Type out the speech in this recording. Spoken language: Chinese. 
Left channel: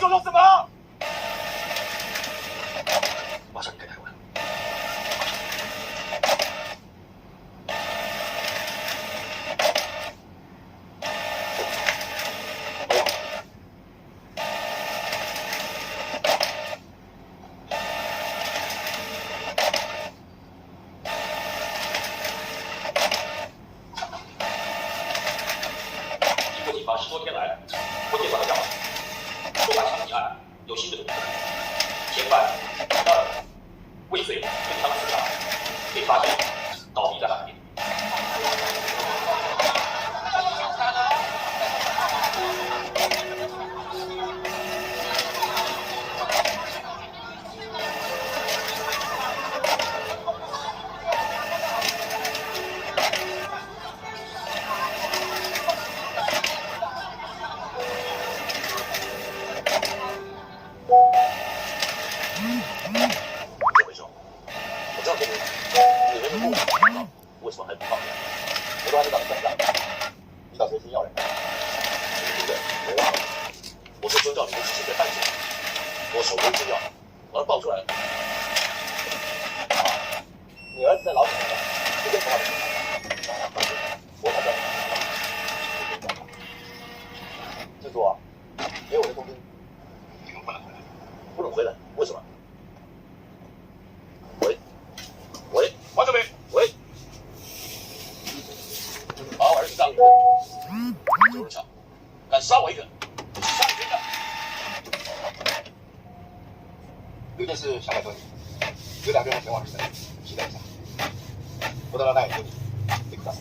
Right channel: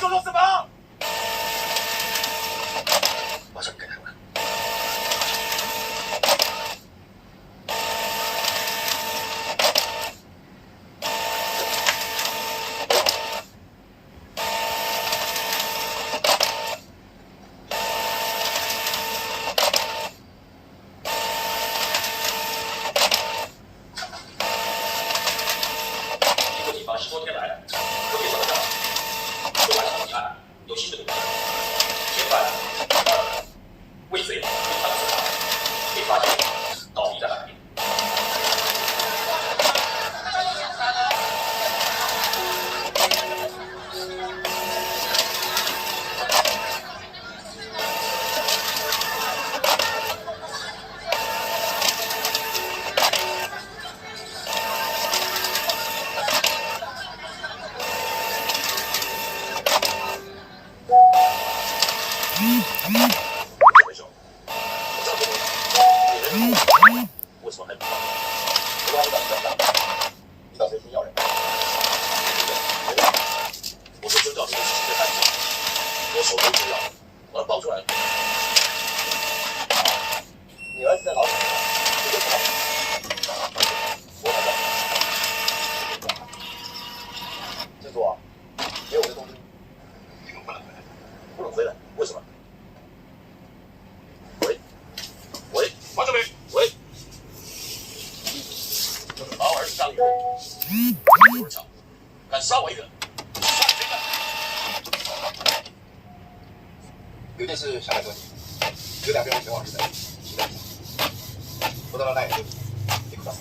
说说什么？马上离开台湾。经过警方10多天来特别调查，说大枪击案有新的动向，嫌犯未遂，对方自杀，被发现倒地在海边。这回兄，我知道这里你人民为什么还不放人？我让你把你干掉，你打谁先要人？对不对？我说遵照你的指示在办事，我手中之料，把他爆出来了。你儿子在牢里，你跟他，我反正。记住啊，给我的工资，你们不能回来，不能回来，为什么？喂，王志明，喂，就是把我儿子杀了以后，有人抢，敢杀我一个，杀你谁敢？有件事想来和你，有2个人前往你的期待上，不得让那眼睛，你不知道。